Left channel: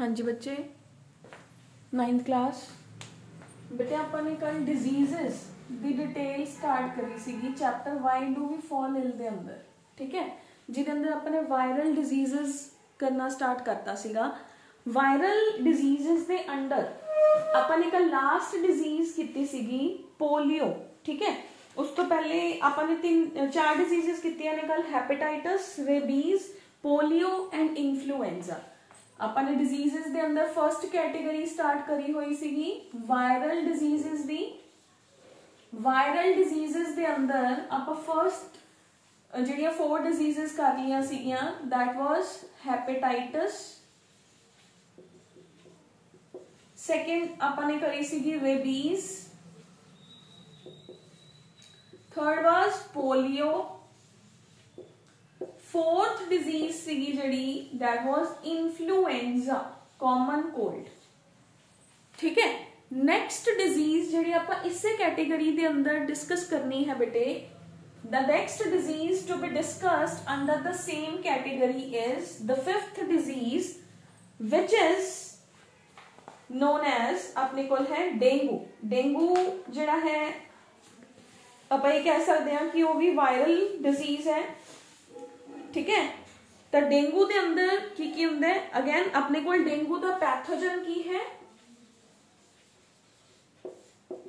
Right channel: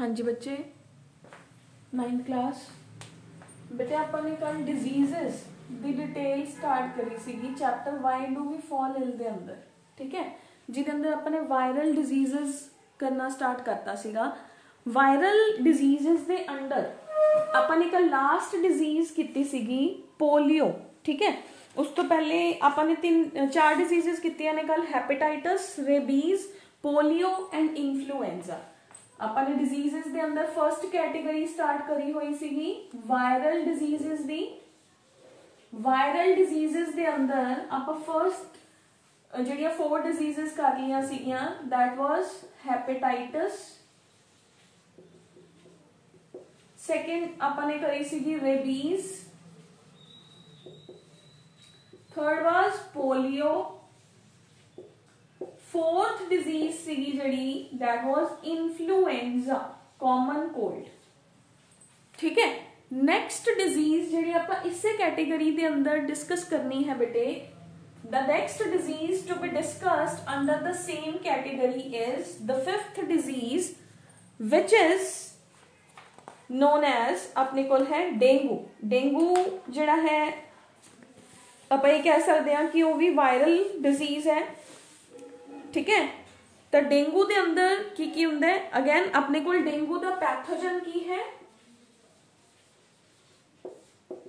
हाँ जी बच्चे, 9th class. बेटे आपाने कल डिजीजेस दी डिटेल स्टार्ट करी सीगी chapter why do we fall ill दे अंदर, ठीक है, जिहदे अंदर आपने वायरल डिजीजेस करना स्टार्ट करता सीगा। वायरल डिजीजेस दे अंडर आपाने कल लास्ट डिजीज कीती सीगी पोलियो, ठीक है। उस तो पहले आपाने 4 डिजीजेस कीतियां ने कल, hepatitis, rabies, polio and influenza. अपने डिजीजेस दे अंदर फर्स्ट कैटेगरी स्टार्ट करी हुई सीगी वायरल डिजीजेस दी। वायरल डिजीजेस दे अंदर आप फर्स्ट ਜਿਹੜੀਆਂ 4 डिजीजेस कर लिया सीगियां, दैट वाज हैपेटाइटिस। सेकंड अपने करी सीगी rabies. Third was polio. Fourth disease सीगी जड़ी that was influenza, common cold, ठीक है। नेक्स्ट डिजीज जड़ी आप इसे कैटेगरी दे अंदर डिस्कस करनी है बेटे, the next disease to be discussed under the same category is the 5th disease which is known as अपने को है डेंगू। डेंगू जड़ा है आप ये कह सकते हैं कि वो भी वायरल डिजीज है, ठीक है। तो डेंगू के अंदर की होंदा है, अगेन अपने को डेंगू का पैथोजन की है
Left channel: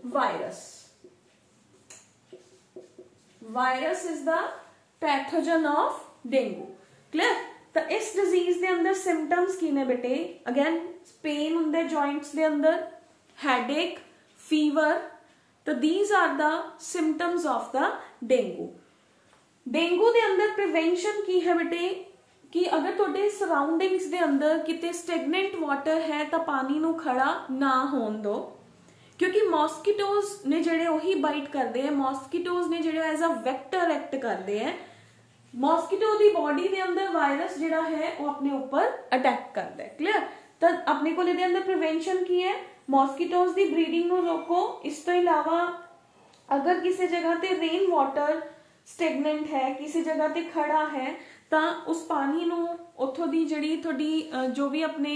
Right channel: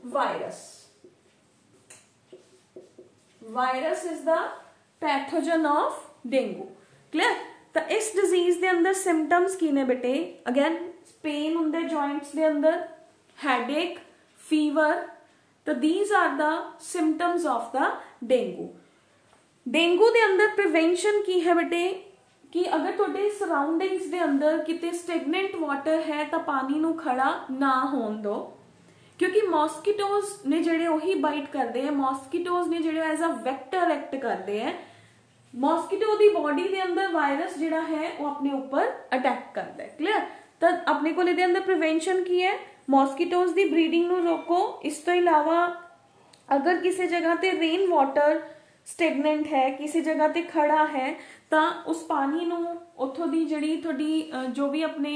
virus. Virus is the pathogen of dengue, clear. तो इस डिजीज के अंदर सिम्टम्स की ने बेटे, अगेन पेन होंगे जॉइंट्स के अंदर, हेडेक, फीवर। तो these are the symptoms of the dengue. Dengue के अंदर प्रिवेंशन की है बेटे कि अगर तुहाडे सराउंडिंग्स दे अंदर किते स्टैगनेंट वाटर है तो पानी नू खड़ा ना होन दो, क्योंकि मॉस्किटोज ने जिहड़े वही बाइट करते हैं। मॉस्किटोज ने जिहड़े एज अ वैक्टर एक्ट करते हैं। मॉस्किटो दी बॉडी दे अंदर वायरस जिहड़ा है वो अपने ऊपर अटैक करता है, क्लियर। तो अपने को इहदे अंदर प्रिवेंशन की है, मॉस्किटोज दी ब्रीडिंग नू रोको। इस तो इलावा अगर किसी जगह ते रेन वाटर स्टैगनेंट है, किसी जगह ते खड़ा है, तो उस पानी नू उथों दी जिहड़ी तुहाडी जो भी अपने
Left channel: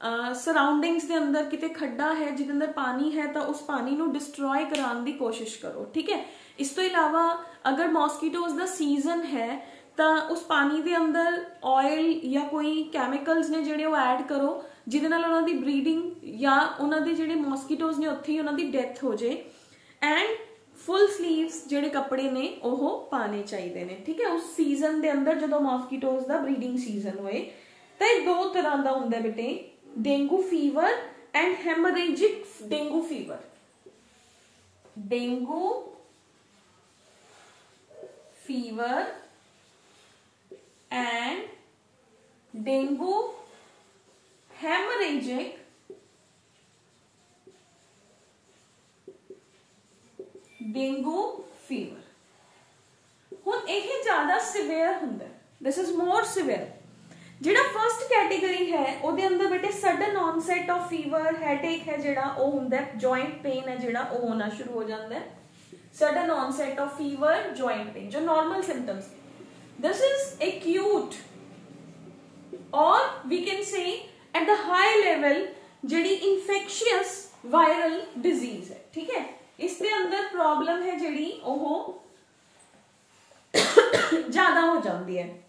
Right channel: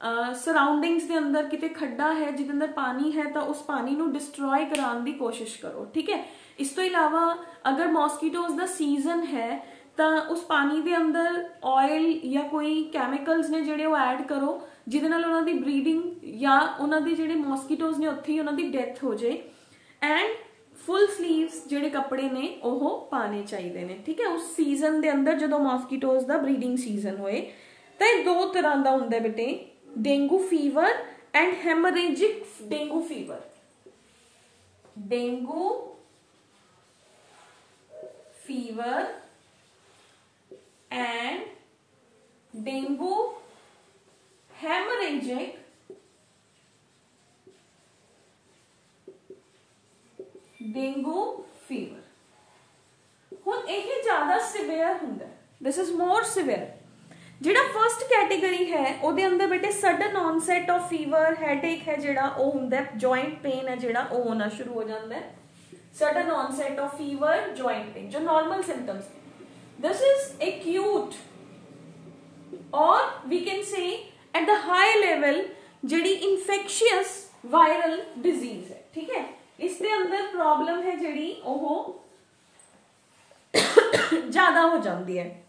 सराउंडिंग्स दे अंदर किते खड्डा है जिहदे अंदर पानी है, तो उस पानी नू डिस्ट्रॉय कराने की कोशिश करो, ठीक है। इस तो इलावा अगर मॉस्किटोज दा सीजन है तो उस पानी दे अंदर ऑयल या कोई कैमिकल्स ने जिहड़े वो ऐड करो जिहदे नाल उन्हां दी ब्रीडिंग या उन्हां दे जिहड़े मॉस्किटोज ने उत्थे ही उन्हां दी डेथ हो जाए। एंड फुल स्लीव्स जिहड़े कपड़े ने ओह पाने चाहिए ने, ठीक है, उस सीजन दे अंदर जो मॉस्किटोज दा ब्रीडिंग सीजन होए। तो ये 2 तरह का हुंदा बेटे, dengue fever and haemorrhagic dengue fever. Dengue fever and dengue haemorrhagic dengue fever. हुण यह ज्यादा सिवियर हुंदा, दिस इज मोर सिवियर। जिहड़ा फर्स्ट कैटेगरी है उहदे अंदर बेटे sudden onset of fever, headache है जिहड़ा वो हुंदा है, जॉइंट पेन है जिहड़ा वो होना शुरू हो जाता है। Sudden onset of fever, joint pain, जो normal symptoms. This is acute और we can say at the high level जिहड़ी इन्फेक्शियस वायरल डिजीज है, ठीक है। इसके अंदर प्रॉब्लम है जिहड़ी वो ज्यादा हो जाती है।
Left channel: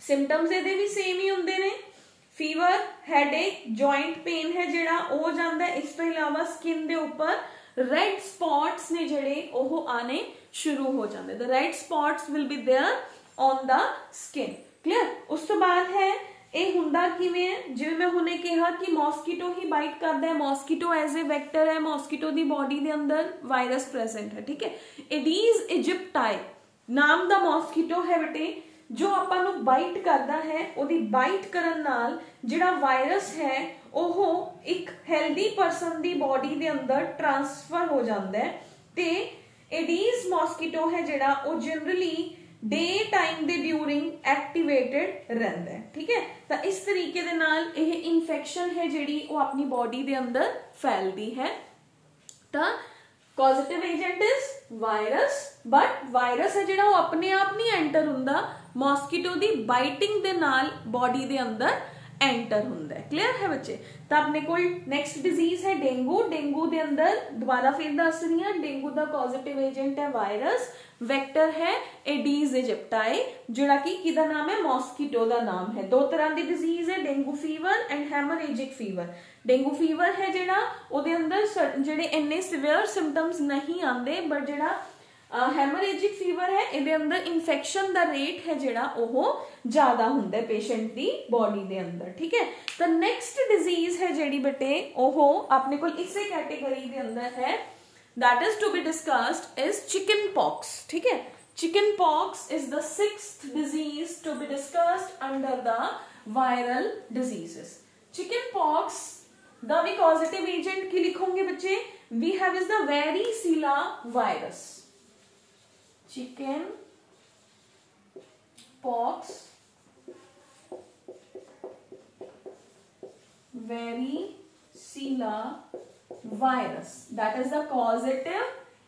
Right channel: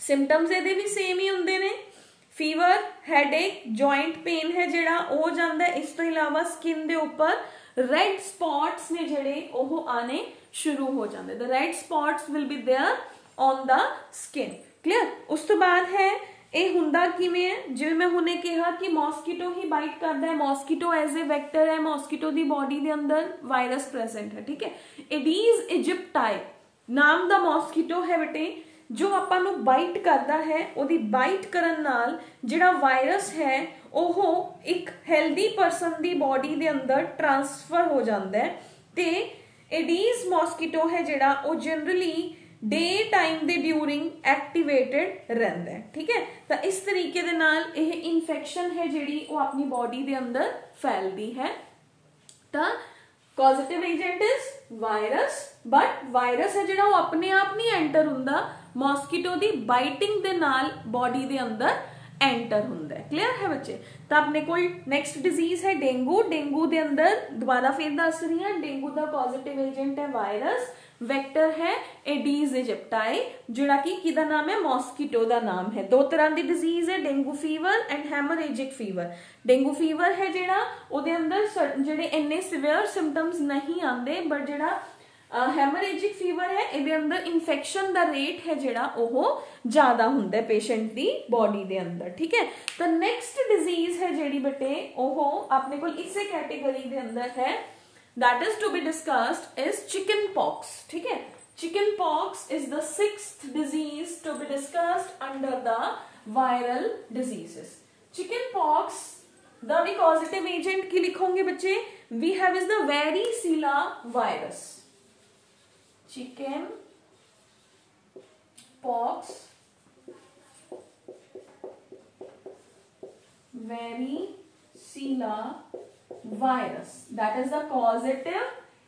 सिम्टम्स ਇਹਦੇ भी सेम ही होंगे ने, फीवर, हेडेक, जॉइंट पेन है जिहड़ा हो जाता है। इस तो इलावा स्किन दे ऊपर रेड स्पॉट्स ने जिहड़े वो आने शुरू हो जाते। The red spots will be there on the skin, clear. उस तो बाद है ये हुंदा किवें है, जिवें मैं हुणे कहा कि मॉस्किटो ही बाइट करता है, मॉस्किटो एज ए वैक्टर है, मॉस्किटो दी बॉडी दे अंदर वायरस प्रेजेंट है, ठीक है। एडीज इजिप्टाई नाम दा मॉस्किटो है बेटे, जो आपां नू बाइट करता है, उहदी बाइट करन नाल जिहड़ा वायरस है ओह एक हेल्दी पर्सन दी बॉडी दे अंदर ट्रांसफर हो जाता है। ते एडीज मॉस्किटो है जिहड़ा वो जनरली डे टाइम दे ड्यूरिंग एक्टिवेटेड रहता है, ठीक है। तो इस तरीके दे नाल यह इन्फेक्शन है जिहड़ी वो अपनी बॉडी दे अंदर फैलती है। तो positive agent is virus, but virus है जिहड़ा वो अपने आप नहीं एंटर हुंदा, मॉस्किटो दी बाइटिंग दे नाल बॉडी दे अंदर एंटर हुंदा है। क्लियर है बच्चे? तो अपने को नेक्स्ट डिजीज है डेंगू। डेंगू दे अंदर दोबारा फिर दस रही है, डेंगू का पॉजिटिव एजेंट है वायरस, वैक्टर है एडीज इजिप्टाई, जिहड़ा कि किहदा नाम है, मॉस्किटो का नाम है। दो तरह की डिजीज है, dengue fever and haemorrhagic fever. Dengue fever है जिहड़ा उहदे अंदर जिहड़े इन्ने सीवियर सिम्पटम्स नहीं आते, बट जिहड़ा हैमरेजिक फीवर है इहदे अंदर इन्फेक्शन दा रेट है जिहड़ा ओह ज्यादा हुंदा है पेशेंट दी बॉडी दे अंदर। ठीक है, तो नेक्स्ट डिजीज है जिहड़ी बेटे ओह अपने को इसे कैटेगरी दे अंदर है, that is to be discussed is chicken pox. ठीक है, chicken pox is the sixth disease to be discussed under the viral diseases. Chicken pox द भी पॉजिटिव एजेंट की लिखोगे बच्चे, we have is the varicella virus. Chicken pox varicella virus, that is the causative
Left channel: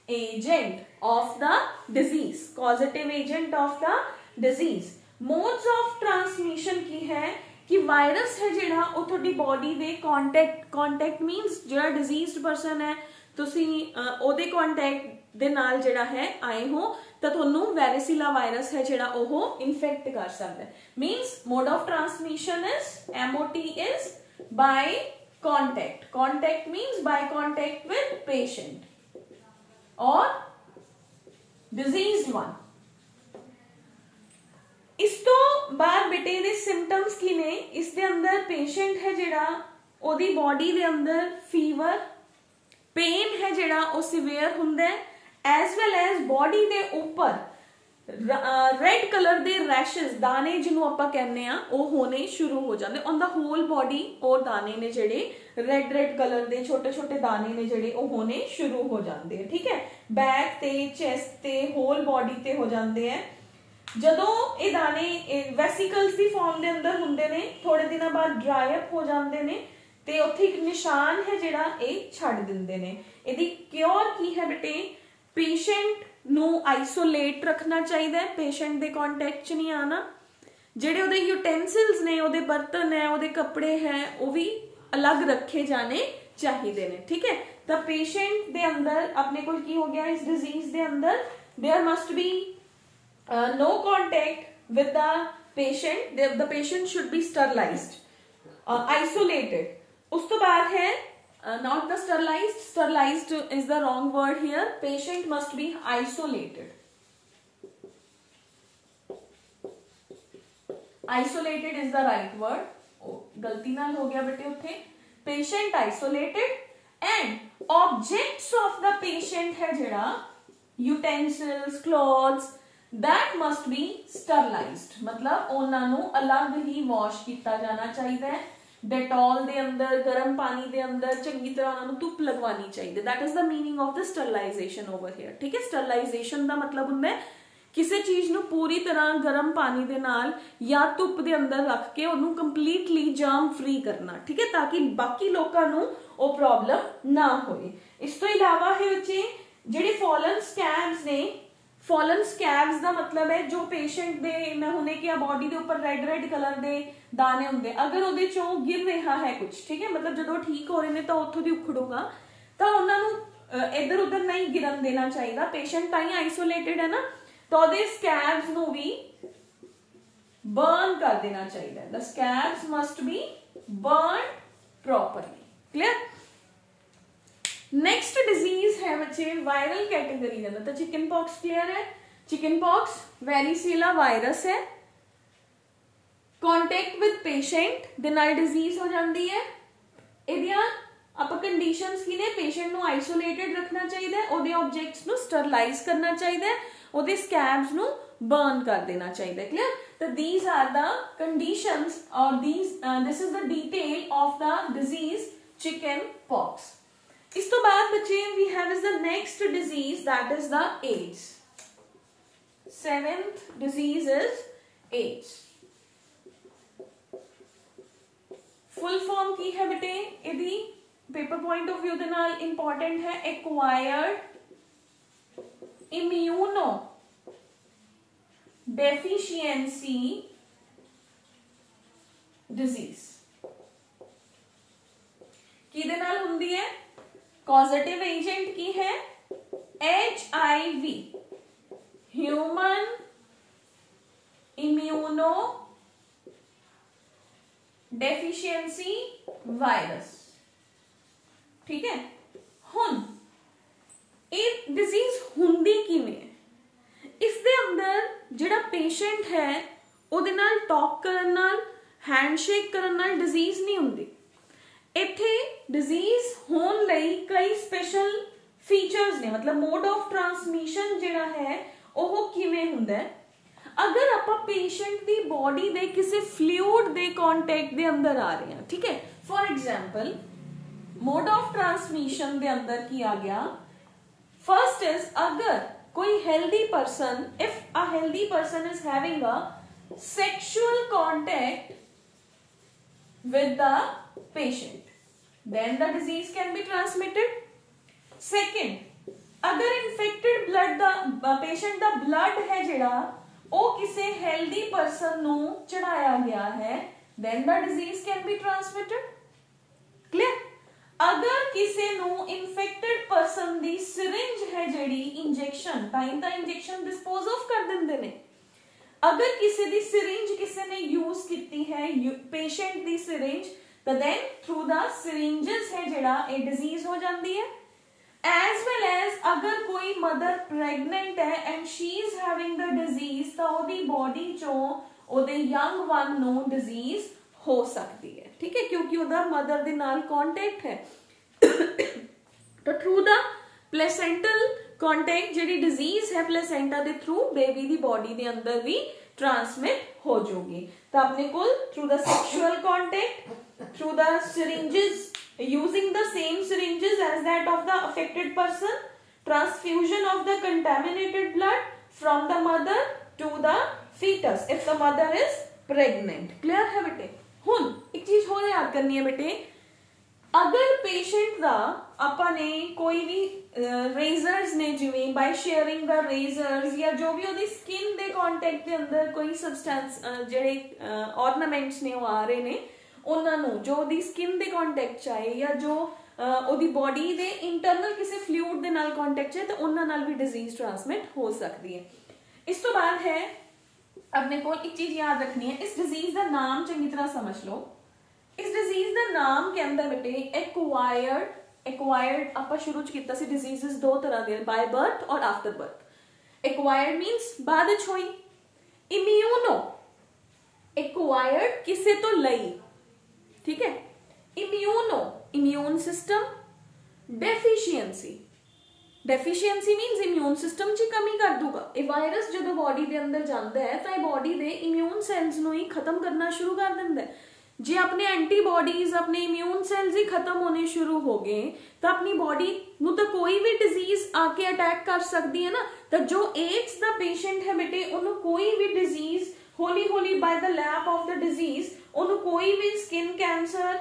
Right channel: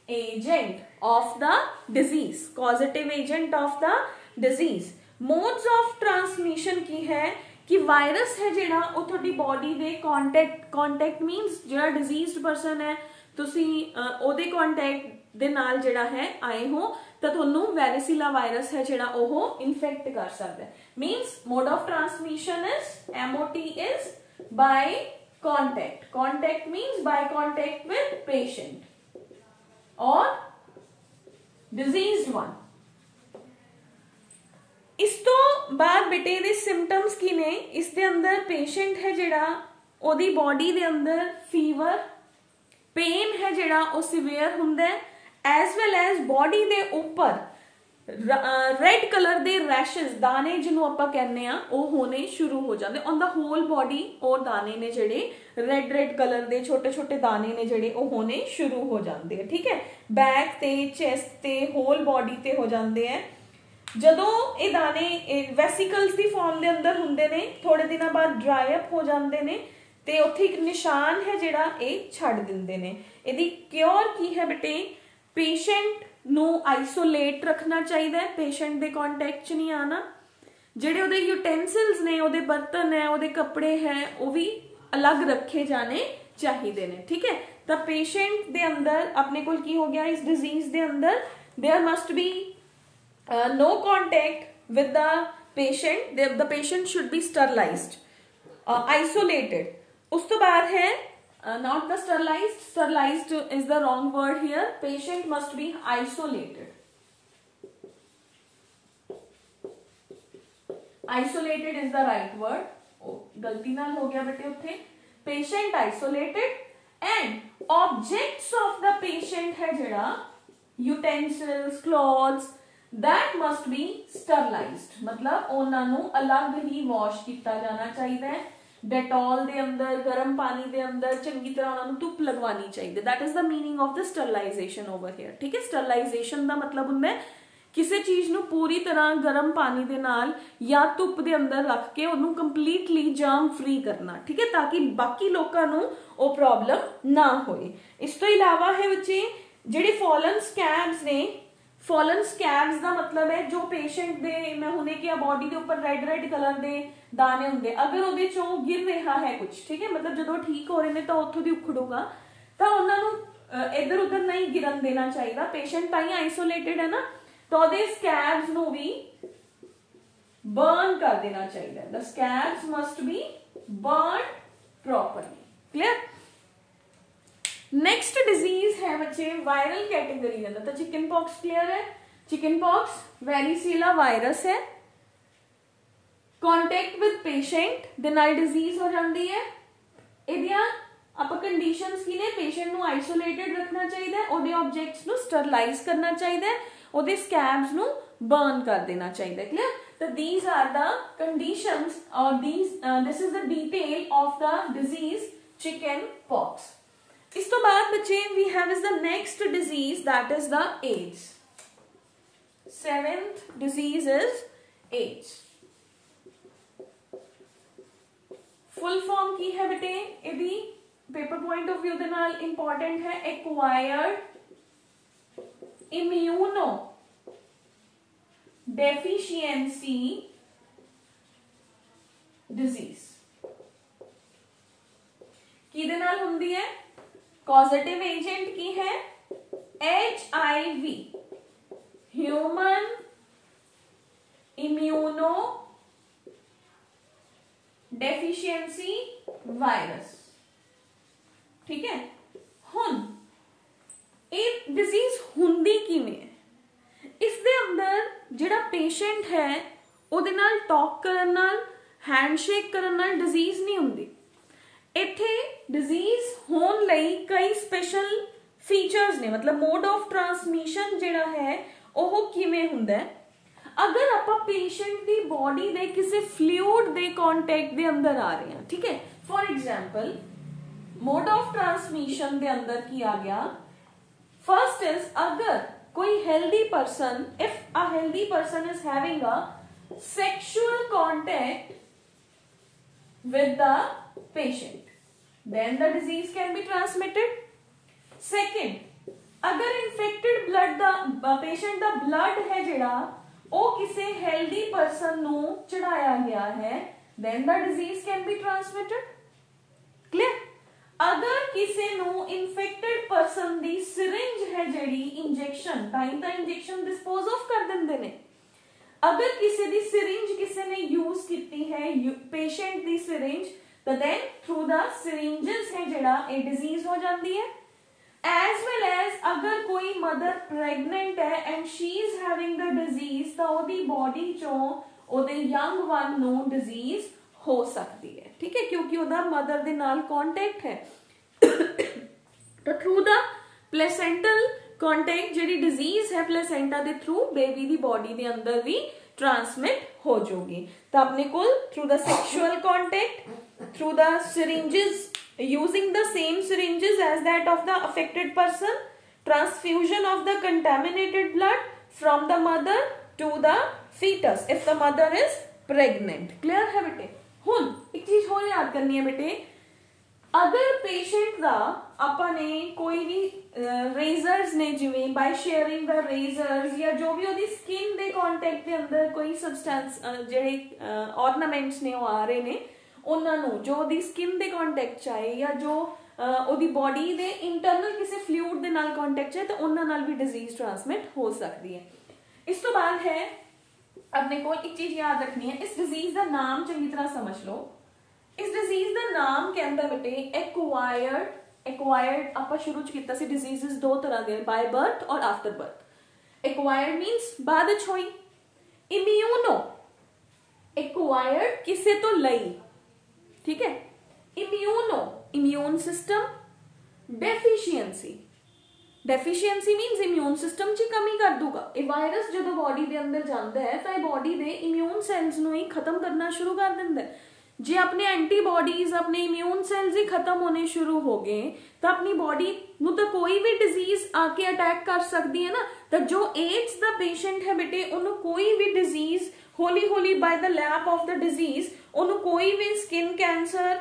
agent of the disease, causative agent of the disease। modes of transmission की है कि virus है जिहड़ा ਉਹ ਤੁਹਾਡੀ ਬੋਡੀ ਦੇ कांटेक्ट मीनस ਜਿਹੜਾ डिजीज्ड पर्सन है ਤੁਸੀਂ ਉਹਦੇ कांटेक्ट ਦੇ ਨਾਲ ਜਿਹੜਾ ਹੈ ਆਏ ਹੋ ਤਾਂ ਤੁਹਾਨੂੰ ਵੈਰੀਸਿਲਾ ਵਾਇਰਸ ਹੈ ਜਿਹੜਾ ਉਹ ਇਨਫੈਕਟ ਕਰ ਸਕਦਾ ਹੈ। मीनस mode of transmission is MOT is by contact। contact means by contact with patient or diseased one। इस तो बाद बेटे दे सिम्पटम्स की ने, इस दे अंदर पेशेंट है जिहड़ा ओदी बॉडी दे अंदर फीवर, पेन है जिहड़ा ओ सीवियर हुंदा है, एज वेल एज बॉडी दे ऊपर रेड कलर दे रैशेस दाने जिन्हों आपां कहने आ ਉਹ होने शुरू हो जाते ऑन द होल बॉडी। और दाने ने जेडे रेड रेड कलर दे छोटे छोटे दाने ने जेडे ਉਹ होने शुरू हो जाते हैं। ठीक है, बैक ते चेस्ट ते होल बॉडी ते हो जाते हैं। जदों ये दाने वेसिकल्स दी फॉर्म दे अंदर हुंदे ने, थोड़े दिनों बाद ड्राई अप हो जाते हैं ते उत्थे एक निशान है जिहड़ा ये छड्ड दिंदे ने। इहदी क्योर की है बेटे, पेशेंट नू आइसोलेट रखना चाहिए, पेशेंट दे कांटेक्ट च नहीं आना। जेडे उहदे यूटेंसिल्स ने, उहदे बर्तन है, उहदे कपड़े हैं, वो भी अलग रखे जाने चाहिए ने। ठीक है, तो पेशेंट दे अंदर अपने को की हो गया इस डिजीज दे अंदर there must be no contact with the patient, the patient should be sterilised, isolated. उस तो बाद है not the sterilized, sterilized is the wrong word here, patient must be isolated। isolated is the right word। गलती नाल हो गया बेटे उत्थे, patient isolated and objects of the patient है जिहड़ा utensils, clothes, that must be sterilized। मतलब उन्हां नू अलग ही वॉश किया जाना चाहिए, डेटॉल दे अंदर गर्म पानी दे अंदर चंगी तरह उन्होंने धुप लगवानी चाहिए। That is the meaning of the sterilisation over here. ठीक है, स्टरलाइजेशन का मतलब हुंदा है किसी चीज नू पूरी तरह गर्म पानी दे नाल या धुप दे अंदर रख के उन्होंने कंप्लीटली जर्म फ्री करना। ठीक है, ताकि बाकी लोगों नू ओ प्रॉब्लम ना होए। इस तो इलावा है बच्चे जिहड़े फॉलन स्कैब्स ने, फॉलन स्कैब्स का मतलब है जो पेशेंट दे मैं हुणे कि बॉडी के ऊपर रेड रेड कलर दे दाने होंगे, अगर उहदे चों गिर रहा है कुछ, ठीक है, मतलब जो ठीक हो रहे हैं तो उत्थों दी उखड़ूगा, तो उन्होंने इधर उधर नहीं गिरन देना चाहिए। पेशेंट ताई आइसोलेटेड है ना, तो उहदे स्कैब्स नू भी बर्न कर देना चाहिए। The scabs must be burn properly. Clear? Next disease है बच्चे वायरल कैटेगरी के अंदर, तो चिकन पॉक्स क्लियर है। चिकन पॉक्स वेरिसिला वायरस है, कांटेक्ट विद पेशेंट दे नाल डिजीज हो जाती है। इहदियां आपां कंडीशंस की ने, पेशेंट नू आइसोलेटेड रखना चाहिए, ओहदे ऑब्जेक्ट्स नू स्टरलाइज करना चाहिए, ओहदे स्कैब्स नू बर्न कर देना चाहिए। क्लियर? तो दीज आर द कंडीशंस और this is the detail of the disease chicken pox. इस तो बाद बच्चे we have is the next disease that is the AIDS. Seventh disease is AIDS. Full form की है बेटे यदि पेपर पॉइंट ऑफ व्यू दे नाल इंपॉर्टेंट है, एक्वायर्ड इम्यूनो डेफिशिएंसी डिजीज। किहदे नाल हुंदी है? कॉजेटिव एजेंट की है? HIV, human immuno deficiency virus. ठीक है, हुण ਇਹ डिजीज हुंदी किवें? इस दे अंदर जिहड़ा पेशेंट है ਉਹਦੇ ਨਾਲ टॉक करन नाल, हैंडशेक करन नाल डिजीज नहीं हुंदी। इत्थे डिजीज होण लई कई स्पेशल फीचर्स ने, मतलब मोड ऑफ ट्रांसमिशन जिहड़ा है ਉਹ किवें हुंदा है? अगर आपां पेशेंट दी बॉडी दे किसी फ्लूइड दे कॉन्टैक्ट दे अंदर आ रहे हैं, ठीक है, for example mode of transmission दे अंदर की आ गया, फर्स्ट इज अगर कोई healthy person, if a healthy person is having a sexual contact with the patient, then the disease can be transmitted. Second, अगर infected blood दा patient दा blood है जिहड़ा ਉਹ ਕਿਸੇ healthy person ਨੂੰ ਚੜਾਇਆ ਗਿਆ ਹੈ, then the disease can be transmitted. Clear? अगर किसी ਨੂੰ infected person ਦੀ syringe है ਜਿਹੜੀ injection, time the injection dispose of कर ਦਿੰਦੇ ਨੇ। अगर किसी दी सिरिंज किसी ने यूज की है, पेशेंट दी सिरिंज, तो देन थ्रू द सिरिंजेस है जिहड़ा ए डिजीज हो जाती है। एज वेल एज अगर कोई मदर प्रेगनेंट है and she is having the disease, तो ओदी बॉडी चों ओदे यंग वन नू डिजीज हो सकती है। ठीक है, क्योंकि ओदा मदर दे नाल कॉन्टैक्ट है। तो थ्रू द प्लेसेंटल कॉन्टैक्ट जिहड़ी डिजीज है प्लेसेंटा दे थ्रू बेबी दी बॉडी दे अंदर भी ट्रांसमिट हो जाएगी। तो अपने को through the sexual contact, through the syringes, using the same syringes as that of the affected person, transfusion of the contaminated blood from the mother to the foetus if the mother is pregnant. Clear है बेटे? हुण एक चीज होर याद करनी है बेटे, अगर पेशेंट दा ਆਪਾਂ ਨੇ ਕੋਈ ਵੀ रेजर्स ने जिवें बाय शेयरिंग द रेजर्स या जो भी ਉਹਦੀ स्किन ਦੇ ਕੰਟੈਕਟ ਦੇ ਅੰਦਰ ਕੋਈ ਸਬਸਟੈਂਸ ਜਿਹੜੇ ऑर्नामेंट्स ਨੇ ਉਹ ਆ ਰਹੇ ਨੇ, ਉਹਨਾਂ ਨੂੰ ਜੋ ਉਹਦੀ स्किन ਦੇ ਕੰਟੈਕਟ ਚ ਆਏ ਜਾਂ ਜੋ ਉਹਦੀ ਬੋਡੀ ਦੇ ਇੰਟਰਨਲ ਕਿਸੇ ਫਲੂਇਡ ਦੇ ਨਾਲ ਕੰਟੈਕਟ ਚ ਹੈ, ਤਾਂ ਉਹਨਾਂ ਨਾਲ ਵੀ ਡਿਜ਼ੀਜ਼ ਟ੍ਰਾਂਸਮਿਟ ਹੋ ਸਕਦੀ ਹੈ। ਇਸ ਤੋਂ ਬਾਅਦ ਹੈ अपने को एक चीज याद रखनी है, इस डिजीज का नाम चंगी तरह समझ लो। इस डिजीज का नाम कहता बेटे एक्वायर्ड ਆਪਾਂ शुरू च ਕੀਤਾ ਸੀ डिजीजेस दो तरह ਦੇ, बाय बर्थ और आफ्टर बर्थ। एक्वायर्ड मींस बाद ਵਿੱਚ ਹੋਈ, इम्यूनो एक्वायर्ड किसे तो लई, ठीक है, immuno immune system, deficiency means immune system च कमी कर दूगा। ये वायरस जो बॉडी के अंदर जाता है तो बॉडी के इम्यून सैल्स नूं ही खत्म करना शुरू कर दिंदा है। जे अपने एंटीबॉडीज, अपने इम्यून सैल्स ही खत्म होने शुरू हो गए तो अपनी बॉडी नूं तो कोई भी डिजीज आके अटैक कर सकती है ना। तो जो एड्स दा पेशेंट है बेटे, उन्होंने कोई भी डिजीज हौली हौली by the lap of the disease उन्होंने कोई भी skin cancer,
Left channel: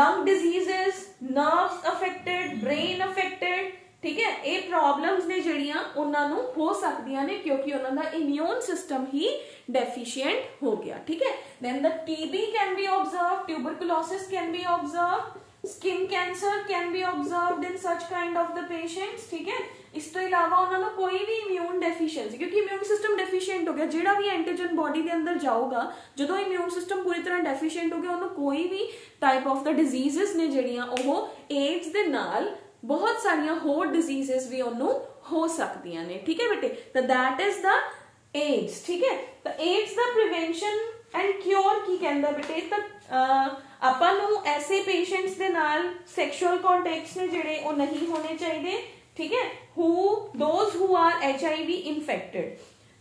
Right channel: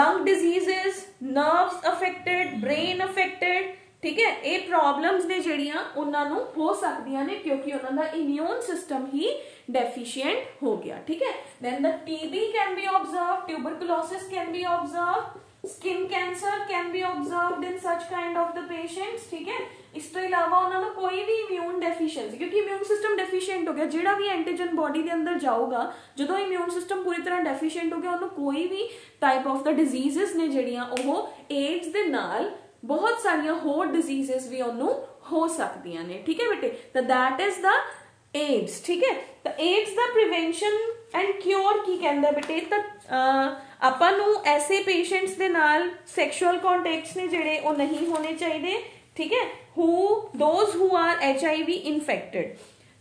lung diseases, nerves affected, brain affected, ठीक है, ये प्रॉब्लम्स ने जिहड़ियां उन्हां नूं हो सकदियां ने क्योंकि उन्हां दा इम्यून सिस्टम ही डेफिशिएंट हो गया। ठीक है, then the TB can be observed, tuberculosis can be observed, skin cancer can be observed in such kind of the patients. ठीक है, इस तो इलावा उन्होंने कोई भी इम्यून डेफिशिएंसी, क्योंकि इम्यून सिस्टम डेफिशिएंट हो गया, जिहड़ा भी एंटीजन बॉडी के अंदर जाऊगा, जो इम्यून सिस्टम पूरी तरह डेफिशिएंट हो गया, उन्होंने कोई भी टाइप ऑफ द डिजीजेस ने जिहड़ियां ओह एड्स दे नाल बहुत सारिया होर डिजीजेस भी उन्होंने हो सकदियां ने। ठीक है बेटे, तो दैट इज द एड्स। ठीक है, तो एड्स दा प्रिवेंशन एंड क्योर की कहंदा बेटे, तो आपां नूं ऐसे पेशेंट्स दे नाल सैक्सुअल कॉन्टैक्ट्स ने जिहड़े ओह नहीं होने चाहिए। ठीक है, those who are HIV infected,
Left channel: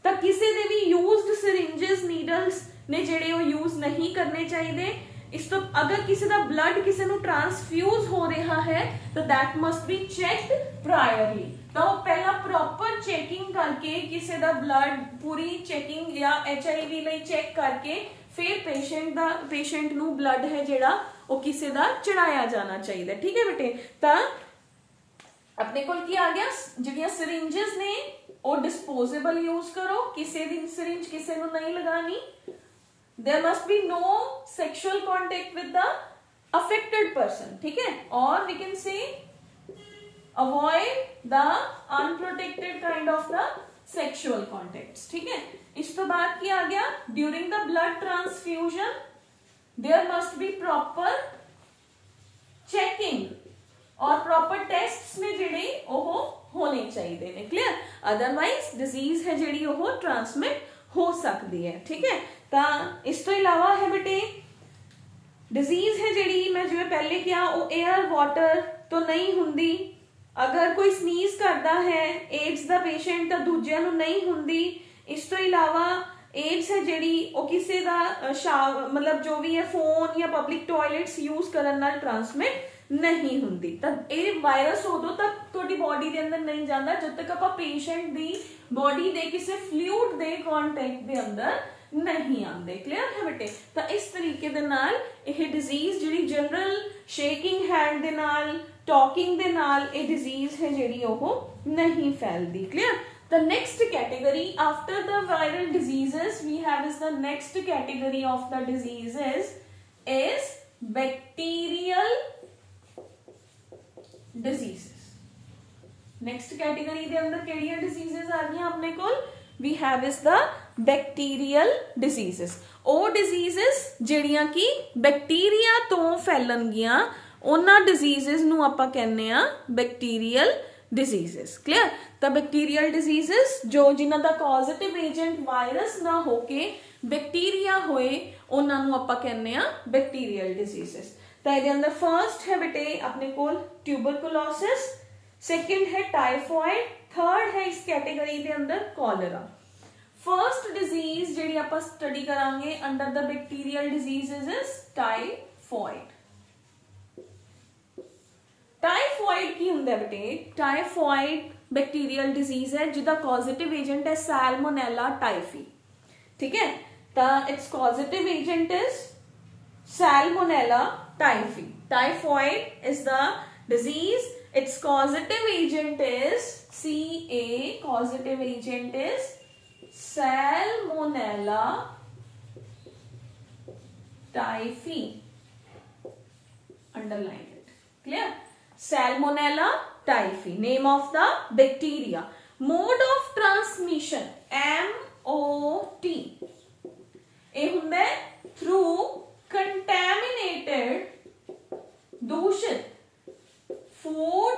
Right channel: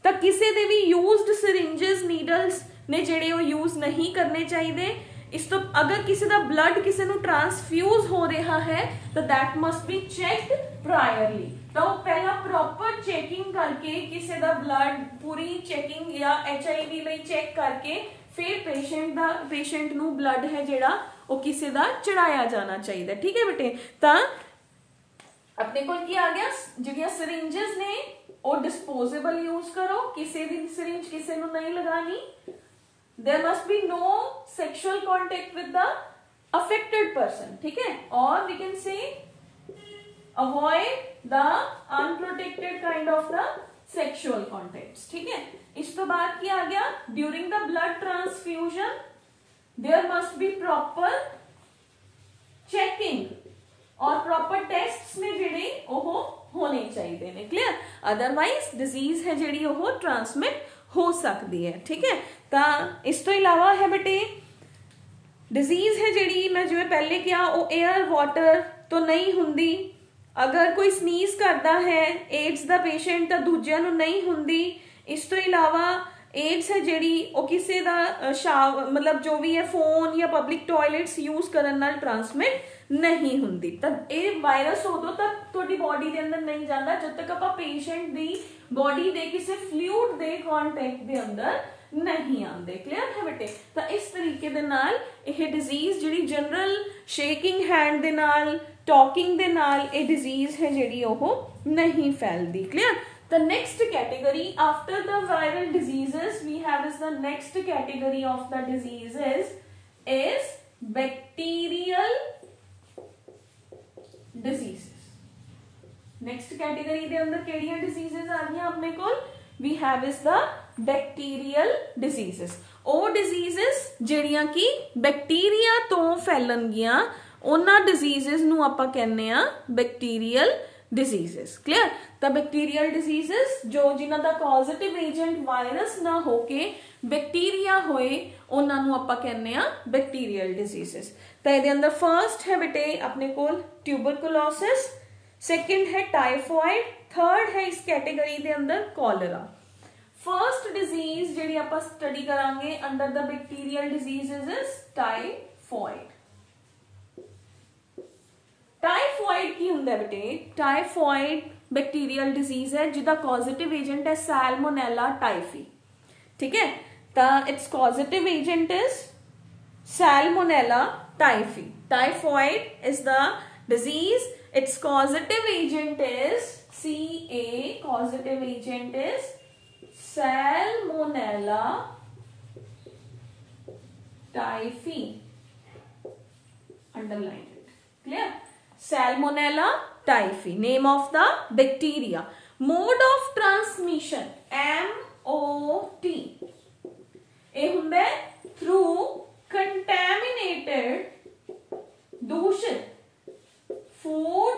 तो किसी दे भी यूज्ड सिरिंजेस, नीडल्स ने जिहड़े ओह यूज नहीं करने चाहिए। इस तो अगर किसी का ब्लड किसी को ट्रांसफ्यूज हो रहा है तो that must be checked priorly, तो पहला प्रॉपर चेकिंग करके किसी का ब्लड पूरी चेकिंग या HIV ਲਈ चेक करके फिर पेशेंट नू ब्लड है जिहड़ा वो किसी का चढ़ाया जाना चाहिए। ठीक है बेटे, तो अपने को की आ गया, जिहड़ियां सिरिंजेस ने वो डिस्पोजेबल यूज करो, किसी दी सिरिंज किसी नू नहीं लगानी। There must be no sexual contact with the affected person, ठीक है, और we can say avoid the unprotected kind of the sexual contacts, ठीक है। इस तो बाद क्या आ गया, during the blood transfusion there must be proper checking और प्रॉपर टेस्ट्स ने जेडे ओह होने चाहिए ने, क्लियर, अदरवाइज डिजीज है जेडी ओह ट्रांसमिट हो सकती है, ठीक है। तो इस तो इलावा है बेटे डिजीज है जेडी मैं जिवें पहले क्या वो एयर वाटर तो नहीं हुंदी, अगर कोई स्नीज करता है एड्स दा पेशेंट तो दूजिया नूं नहीं हुंदी। इस तो इलावा एड्स है जेडी वो किसी दा मतलब जो भी है फोन या पब्लिक टॉयलेट्स यूज करन नाल ट्रांसमिट नहीं हुंदी। तब ये वायरस उदों तक तुहाडी बॉडी दे अंदर नहीं जाता जब तक आपां पेशेंट दी बॉडी दे किसी फ्लूइड दे कॉन्टैक्ट दे अंदर नहीं आते, क्लियर है बेटे। तो इस तरीके दे नाल यह डिजीज जिहड़ी जनरल शेकिंग हैंड दे नाल टॉकिंग दे नाल ये डिजीज है जिहड़ी ओह नहीं फैलती, clear. The next category after the viral diseases we have is the next category of the diseases is bacterial diseases. Next category दे अंदर केड़ियां diseases आ गई अपने कोल, we have is the bacterial diseases. ਉਹ diseases ਜਿਹੜੀਆਂ ਕਿ बैक्टीरिया तो फैलणगियां ਉਹਨਾਂ diseases ਨੂੰ ਆਪਾਂ ਕਹਿੰਦੇ ਆ bacterial diseases, clear। ਤਾਂ bacterial diseases जो जिन्हां दा पॉजिटिव एजेंट वायरस ना होके बैक्टीरिया होए ਉਹਨਾਂ ਨੂੰ ਆਪਾਂ ਕਹਿੰਦੇ ਆ bacterial diseases। ਤਾਂ ਇਹਦੇ अंदर फर्स्ट है बेटे अपने कोल ट्यूबरकुलोसिस, सेकंड है टाइफॉइड, थर्ड है इस कैटेगरी दे अंदर कॉलरा। फर्स्ट डिजीज जिहड़ी आपां स्टडी करांगे under the bacterial diseases is typhoid. Typhoid की हुंदा है बेटे, टाइफॉइड बैक्टीरियल डिजीज है जिसका पॉजिटिव एजेंट है सैल्मोनेला टाइफी, ठीक है। तो it's positive agent is Salmonella typhi. Typhoid is the disease, it's positive agent is CA, positive agent is Salmonella typhi, underline it, clear। Salmonella typhi, name of the bacteria। Mode of transmission MOT, ये हुंदा है through contaminated दूषित food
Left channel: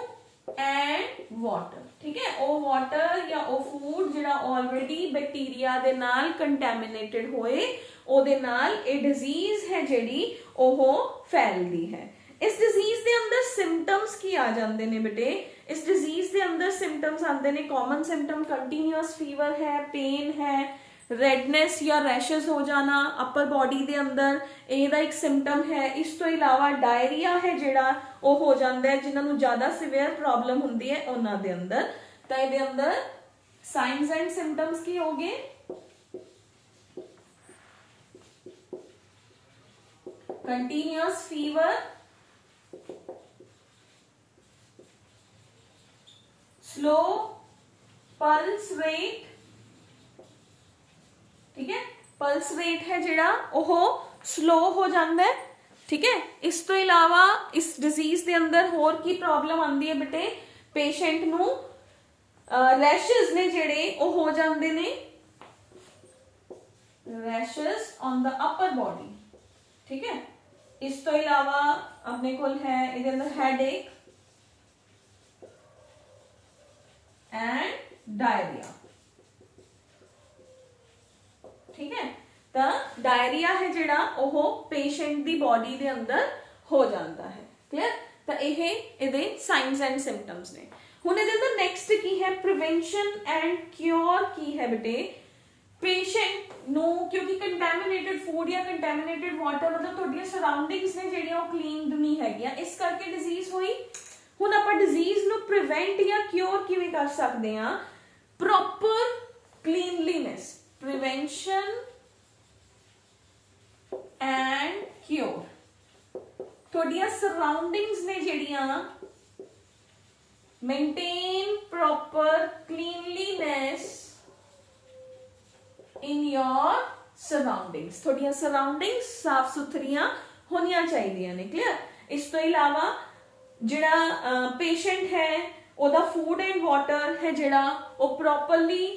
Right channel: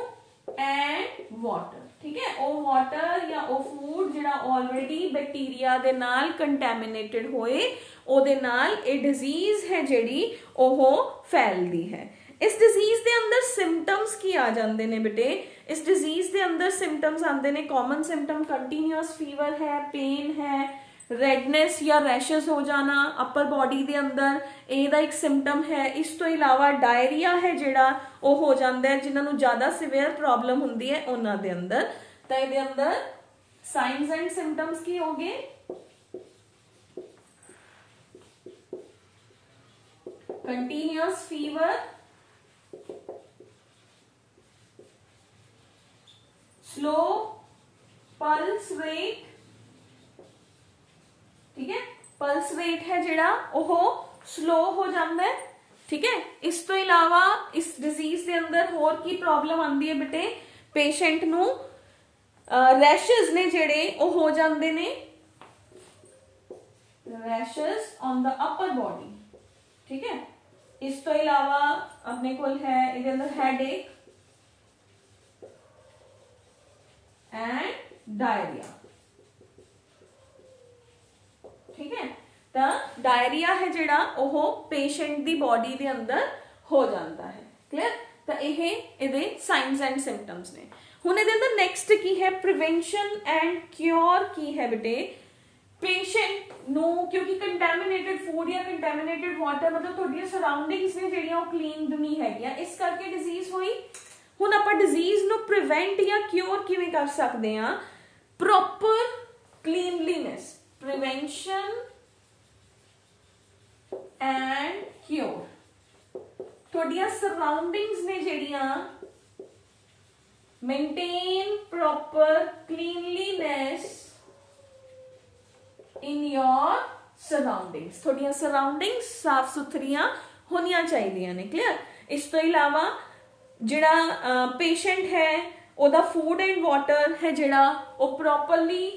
and water, ठीक है। ओ water या ओ food जिहड़ा already bacteria they नाल contaminated होए ओदे नाल ए डिजीज है जिहड़ी ओह फैलदी है। इस डिजीज दे अंदर सिम्पटम्स की आ जांदे ने बेटे, इस डिजीज दे अंदर सिम्पटम्स आंदे ने, कॉमन सिम्पटम कंटीन्यूअस फीवर है, पेन है, रेडनेस या रैशेस हो जाना अपर बॉडी दे अंदर, ਇਹਦਾ एक सिम्पटम है। इस तो इलावा डायरिया है जिहड़ा ਉਹ हो जाता है जिन्हां नूं ज्यादा सिवियर प्रॉब्लम हुंदी है उन्हां दे अंदर। तो ਇਹਦੇ अंदर साइंस एंड सिम्पटम्स की हो गए, continuous fever, slow pulse rate, ठीक है, पल्स रेट है जिहड़ा ओह स्लो हो जाता है, ठीक है। इस तो इलावा इस डिजीज के अंदर होर की प्रॉब्लम आती है बेटे, पेशेंट नू रैशेस ने जिहड़े ओ हो जाते ने, rashes on the upper body, ठीक है। इस तो इलावा अपने कोल है इहदे अंदर हेडेक एंड डायरिया, ठीक है। तो डायरिया है जिहड़ा ओह पेशेंट दी बॉडी दे अंदर हो जाता है, क्लियर। तो यह इहदे साइंस एंड सिम्पटम्स ने। हुण इहदे अंदर नेक्स्ट की है प्रिवेंशन एंड क्योर की है बेटे। पेशेंट नो क्योंकि कंटैमिनेटेड फूड या कंटैमिनेटेड वाटर मतलब तुहाडियां सराउंडिंग्स ने जिहड़ियां ओह क्लीन नहीं हैगियां, इस करके डिजीज हुई। हुण आपां डिजीज नू प्रिवेंट या क्योर किवें कर सकदे हां, proper cleanliness, prevention and cure. तुहाडियां सराउंडिंग्स ने जिहड़ियां maintain proper cleanliness in your surroundings, तुहाडियां सराउंडिंग्स साफ सुथरियां होनियां चाहिए ने। क्लियर। इस तो इलावा जिहड़ा पेशेंट है ओदा फूड एंड वाटर है जिहड़ा वो प्रॉपरली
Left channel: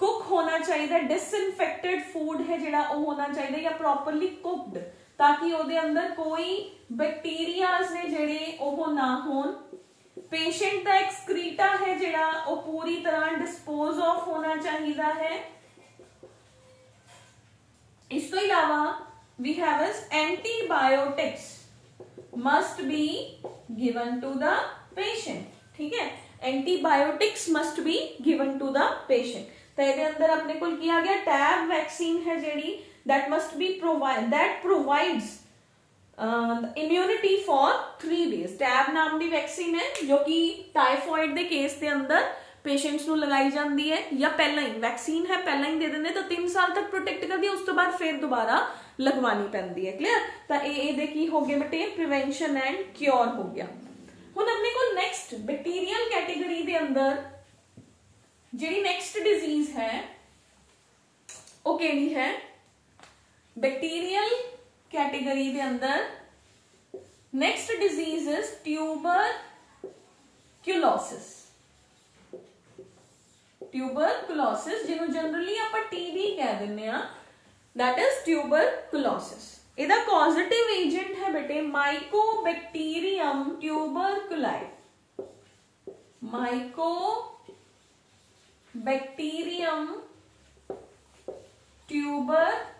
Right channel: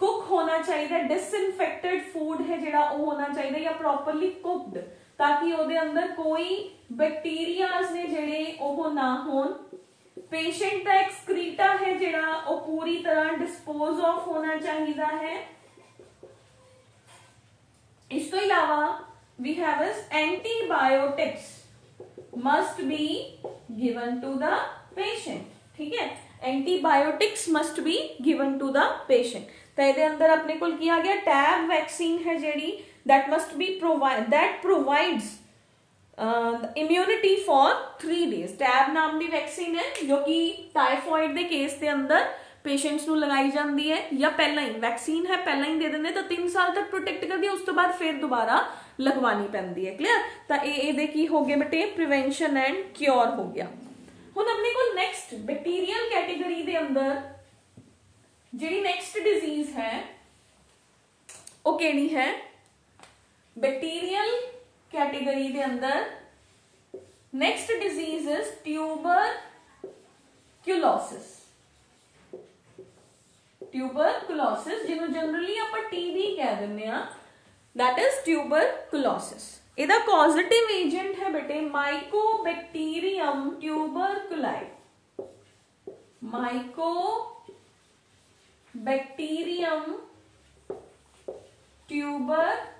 कुक होना चाहिए, डिसइनफेक्टेड फूड है जिहड़ा वो होना चाहिए या प्रॉपरली कुकड, ताकि ਉਹਦੇ अंदर कोई बैक्टीरियाज ने जिहड़े ਉਹ ना होन। पेशेंट का एक्सक्रीटा है जिहड़ा वो पूरी तरह डिस्पोज ऑफ होना चाहिए है। इस तो इलावा we have antibiotics must be given to the patient. ठीक है, antibiotics must be given to the patient. तो ये अंदर अपने को किया गया टैब वैक्सीन है जेडी that must be that provides immunity for 3 days। TAB नाम की वैक्सीन है जो कि टाइफॉइड के केस के अंदर पेशेंट्स को लगाई जाती है, या पहला ही वैक्सीन है पहला ही दे देंगे तो 3 साल तक प्रोटेक्ट करती है, उस तो बाद फिर दोबारा लगवानी पैंदी है। क्लियर। तो ये की हो गए बेटे प्रिवेंशन एंड क्योर हो गया। हुण अपने को नेक्स्ट बैक्टीरियल कैटेगरी के अंदर जी नेक्स्ट डिजीज है वो केड़ी है? बैक्टीरियल कैटेगरी के अंदर next disease is tuberculosis. Tuberculosis जिन्हों जनरली आप टीबी कह देने आ, दैट इज ट्यूबरक्यूलोसिस। इहदा कॉजेटिव एजेंट है बेटे माइकोबैक्टीरियम ट्यूबरकुलाई। माइकोबैक्टीरियम ट्यूबरकुलाई।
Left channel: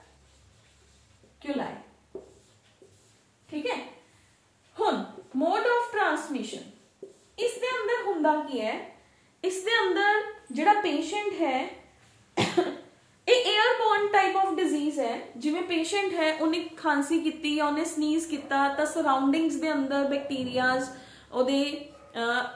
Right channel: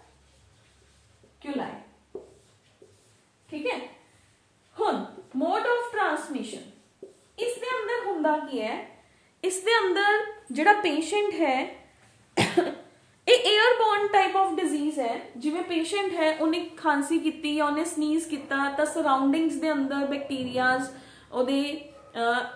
ठीक है। हुन मोड ऑफ ट्रांसमिशन इसके अंदर हुंदा की है, इसके अंदर जिहड़ा पेशेंट है एयरबोर्न टाइप ऑफ डिजीज है। जिवें पेशेंट है उन्हें खांसी की या उन्हें स्नीज किया तो सराउंडिंग्स दे अंदर बैक्टीरियाज ओदे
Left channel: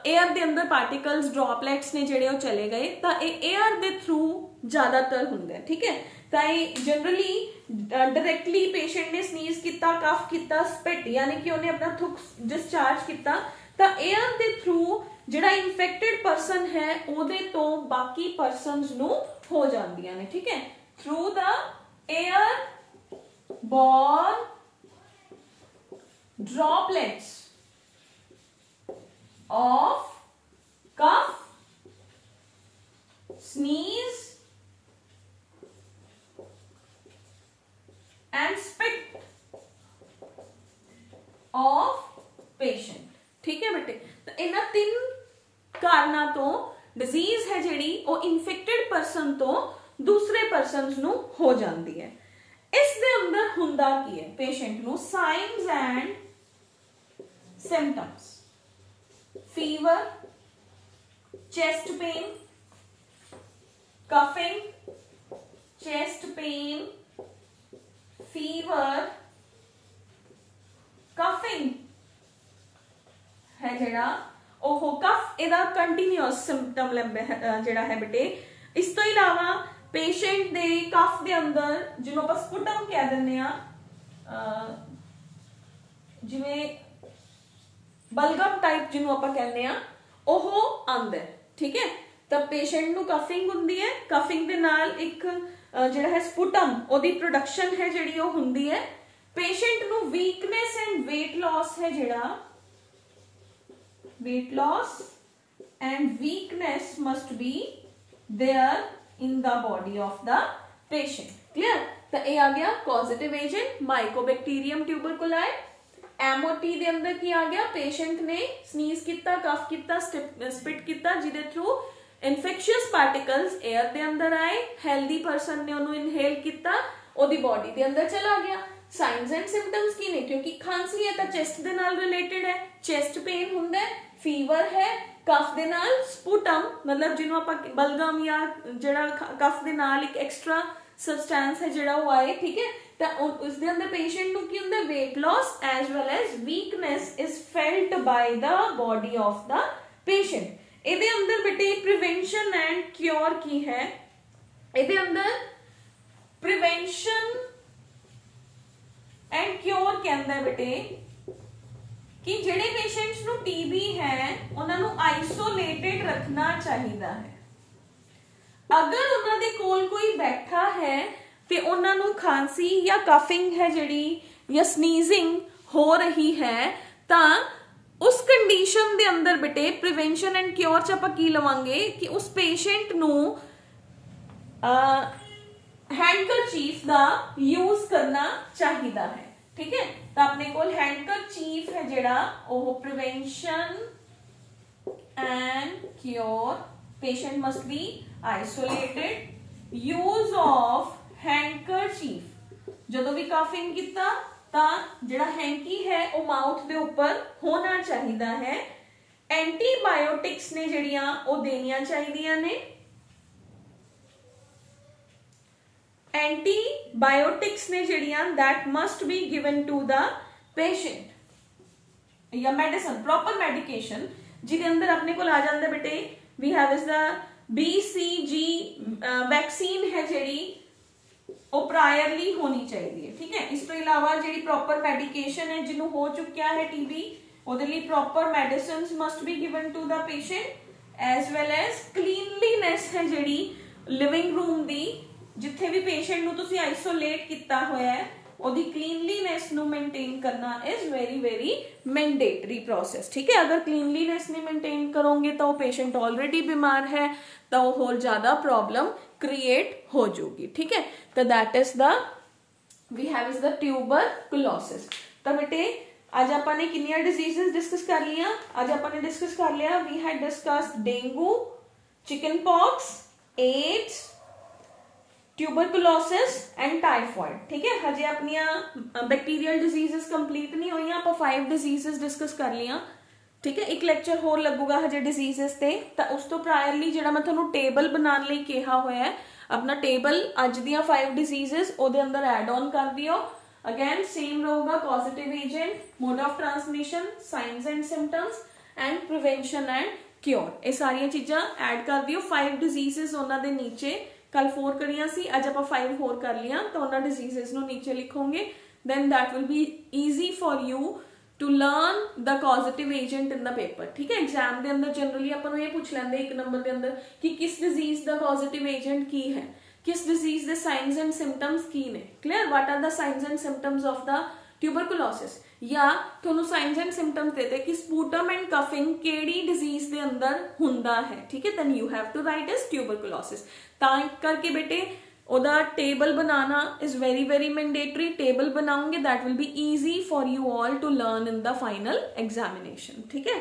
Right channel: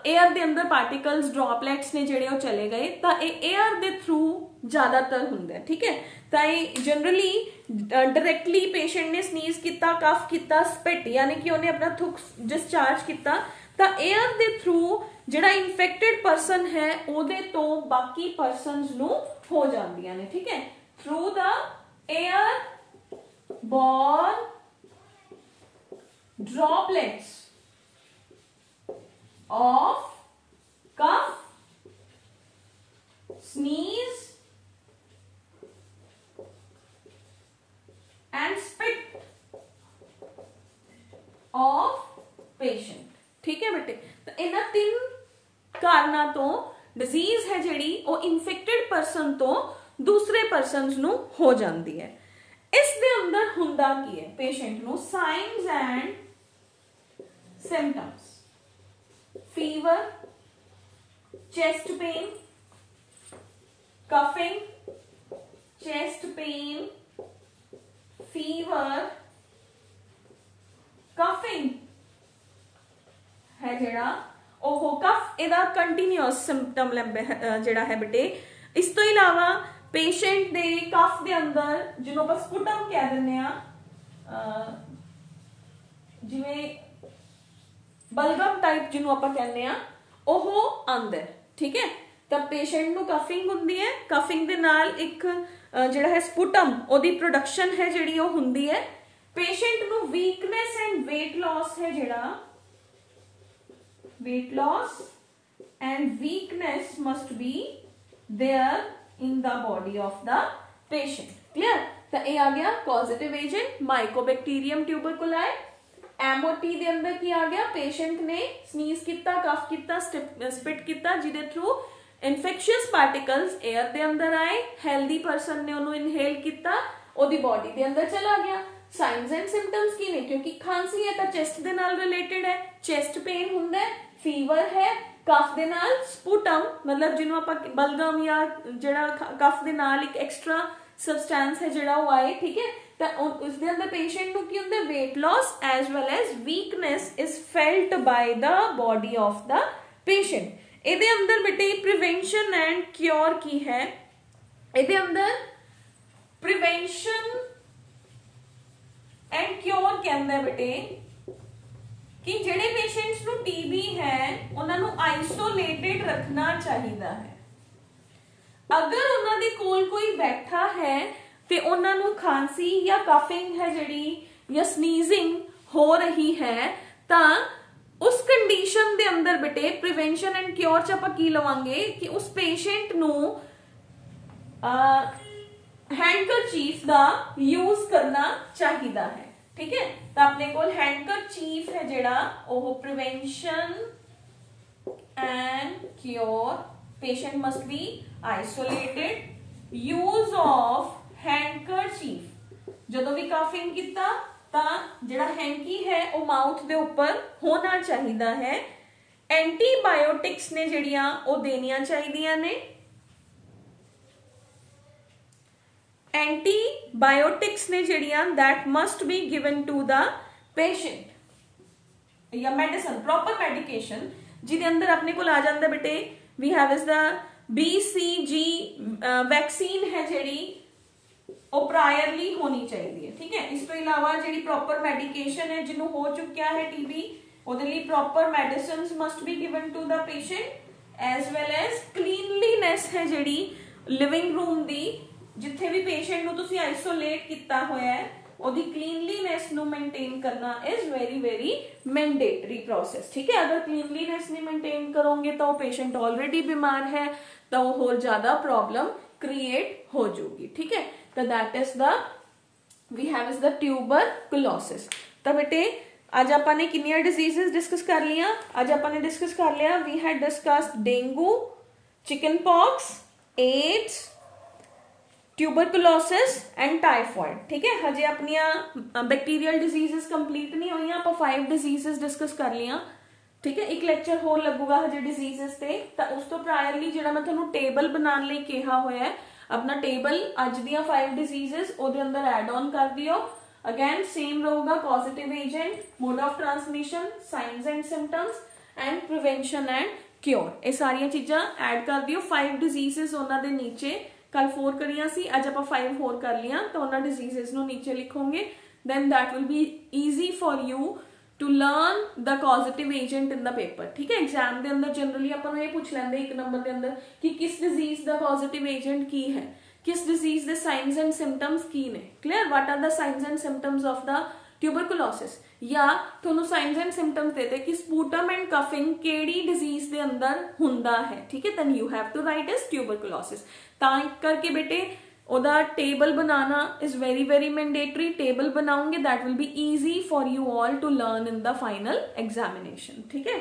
एयर दे अंदर पार्टिकल्स ड्रॉपलेट्स ने जिहड़े वो चले गए तो एयर दे थ्रू ज्यादातर हुंदा है। ठीक है। तो ये जनरली डायरेक्टली पेशेंट ने स्नीज किया, कफ किया, स्पिट यानी कि उन्हें अपना थुक डिस्चार्ज किया तो एयर दे थ्रू जिहड़ा इन्फेक्टेड परसन है ओदे तो बाकी परसन्स नू हो जांदियां ने। ठीक है। Through the airborne droplets of cough, sneeze and spit of patient. ठीक है बेटे। तो इन्हां 3 कारणों तो डिजीज है जिहड़ी वो इन्फेक्टेड परसन तो दूसरे परसन नू हो जाती है। इस दे अंदर हुंदा की है पेशेंट नू science and symptoms, fever, chest pain, coughing, chest pain, fever, coughing है जिहड़ा ओहो कफ इहदा कंटीन्यूअस सिम्पटम जिहड़ा है बेटे। इस तो इलावा पेशेंट दे कफ दे अंदर जिन्हों आप स्पुटम कह दिंदे आ, जिवें बलगम टाइप जिन्हों आप कहने आ ओहो आंदा है। ठीक है। तो पेशेंट नू कफिंग हुंदी है, कफिंग दे नाल एक जिहड़ा है स्पुटम ओदी प्रोडक्शन है जिहड़ी वो हुंदी है। पेशेंट नू वीकनेस एंड वेट लॉस है जिहड़ा weight loss and weakness must be there in the body of the patient। clear। तो ये आ गया पॉजिटिव एजेंट माइकोबैक्टीरियम ट्यूबरकुलाई। एमओटी दे अंदर की आ गया पेशेंट ने स्नीज किया, कफ किया, स्पिट किया जिदे थ्रू इन्फेक्शियस पार्टिकल्स एयर दे अंदर आए, हेल्दी पर्सन ने उन्होंने इनहेल किया, ओदी बॉडी दे अंदर चला गया। साइंस एंड सिम्पटम्स की ने क्योंकि खांसी है तो चेस्ट दे नाल रिलेटेड है, चेस्ट पेन हुंदा है, फीवर है, कफ दे नाल स्पुटम मतलब जिन्हों आप बलगम या जिहड़ा कफ दे नाल एक एक्स्ट्रा सबसटेंस है जिहड़ा वो आए। ठीक है। तो उस दे अंदर पेशेंट नू की हुंदा weight loss as well as weakness is felt by the body of the patient. इहदे अंदर बेटे प्रिवेंशन एंड क्योर की है। इहदे अंदर प्रिवेंशन एंड क्योर कहंदा बेटे कि जिहड़े पेशेंट्स नू टीबी है उन्हां नू आइसोलेटेड रखना चाहिए है। अगर उन्हां दे कोल कोई बैठा है कि उन्हां नू खांसी या कफिंग है जिहड़ी या स्नीजिंग हो रही है तां उस कंडीशन दे अंदर बेटे प्रिवेंशन एंड क्योर च आपां की लवांगे कि उस पेशेंट नू हैंडकरचीफ दा यूज करना चाहिदा है। ठीक है, तो अपने कोल हैंडकरचीफ है जेड़ा ओह prevention and cure, patient must be isolated, use of handkerchief जदों भी काफिंग कीता तां जेड़ा हैंकी है वो माउथ दे ऊपर होना चाहिदा है। एंटीबायोटिक्स ने जेड़ियां वो देनियां चाहिदियां ने, एंटीबायोटिक्स ने जेड़ियां that must be given to the patient या मेडिसिन प्रॉपर मेडिकेशन जिहदे अंदर अपने को आ जांदा बेटे we have is the BCG vaccine है जेड़ी वो प्रायरली होनी चाहिए। ठीक है, इस तो इलावा जेड़ी प्रॉपर मेडिकेशन है जिन्हों हो चुकिया है TB ਉਹਦੇ ਲਈ proper medicines must be given to the patient as well as cleanliness है जेड़ी लिविंग रूम दी जिथे भी पेशेंट ਨੂੰ ਤੁਸੀਂ आइसोलेट ਕੀਤਾ ਹੋਇਆ ਹੈ ਉਹਦੀ क्लीनलीनेस ਨੂੰ मेंटेन करना is very very mandatory process. ठीक है, अगर क्लीनलीनेस नहीं मेंटेन करोगे तो पेशेंट ऑलरेडी बीमार है तो और ज्यादा प्रॉब्लम क्रिएट हो जाएगी। ठीक है, तो that is the we have is the tuberculosis. तो बेटे आज आपने कितनी डिजीजेस डिस्कस कर लिया, आज आपने डिस्कस कर लिया we had discussed dengue, chicken pox, AIDS, tuberculosis and typhoid. ठीक है, हजे अपनी बैक्टीरियल डिजीजेस कंप्लीट नहीं हुई, आप 5 डिजीजेस डिस्कस कर लिया। ठीक है, एक लेक्चर होर लगूगा हजे डिजीजेस ते, तो उस तो प्रायरली जो मैं थोड़ा टेबल बनाने लई कहा होया है अपना टेबल अज दियां 5 डिजीजेस ओदे अंदर एड ऑन कर दियो। अगेन सेम रहूगा positive agent, mode of transmission, signs and symptoms and prevention and cure, ये सारिया चीजा एड कर दियो। 5 डिजीजेस उन्होंने नीचे कल 4 करिया सी, अज आप 5 होर कर लिया तो उन्होंने डिजीजेस नो नीचे लिखोगे, then that will be easy for you to learn the causative agent in the paper. ठीक है, एग्जाम के अंदर जनरली अपन ये पूछ लेंगे 1 नंबर के अंदर कि किस डिजीज का पॉजिटिव एजेंट की है, किस डिजीज के साइंस एंड सिम्टम्स की ने। Clear, what are the signs and symptoms of the tuberculosis, या थोनू साइंस एंड सिम्टम्स देते कि स्पूटम एंड कफिंग केड़ी डिजीज के अंदर हुंदा है। ठीक है, then you have to write is tuberculosis. ता करके बेटे ओदा टेबल बनाना is very very mandatory. Table बनाओगे that will be easy for you all to learn in the final examination. ठीक है।